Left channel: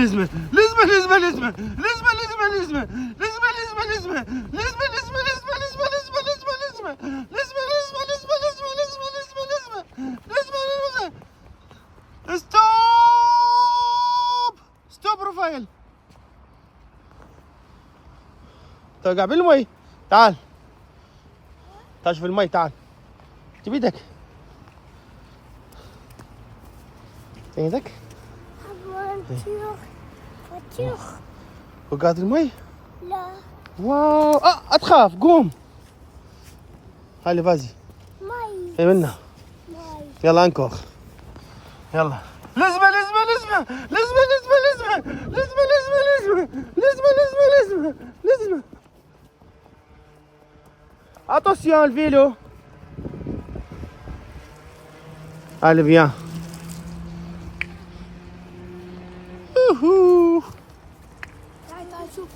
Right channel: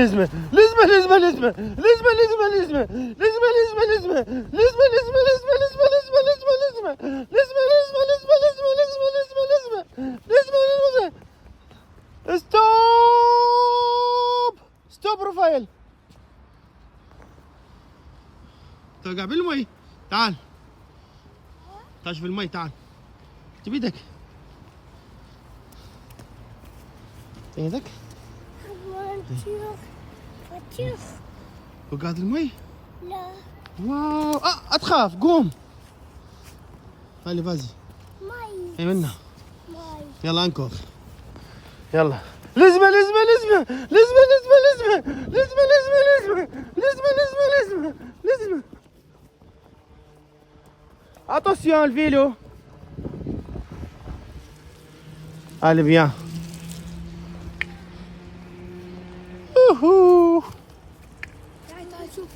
لزمة لزمة لزمة لزمة لزمة لزمة لزمة لزمة لزمة لزمة لزمة لزمة لزمة لزمة لزمة لزمة لزمة لزمة ستوب ستوب رفايل توقع بالمي تعال تعال شوف المي تعال جيب ايدك ايدك بطيخ. وقعت المي لا واو اتخاف قوم هالي فازي مي اي منا مي يلا انكوخ يلا لزمة لزمة لزمة لزمة لزمة لزمة لزمة لزمة لزمة لزمة لزمة لزمة attention le vélo allez bien ouhou تعال شوف.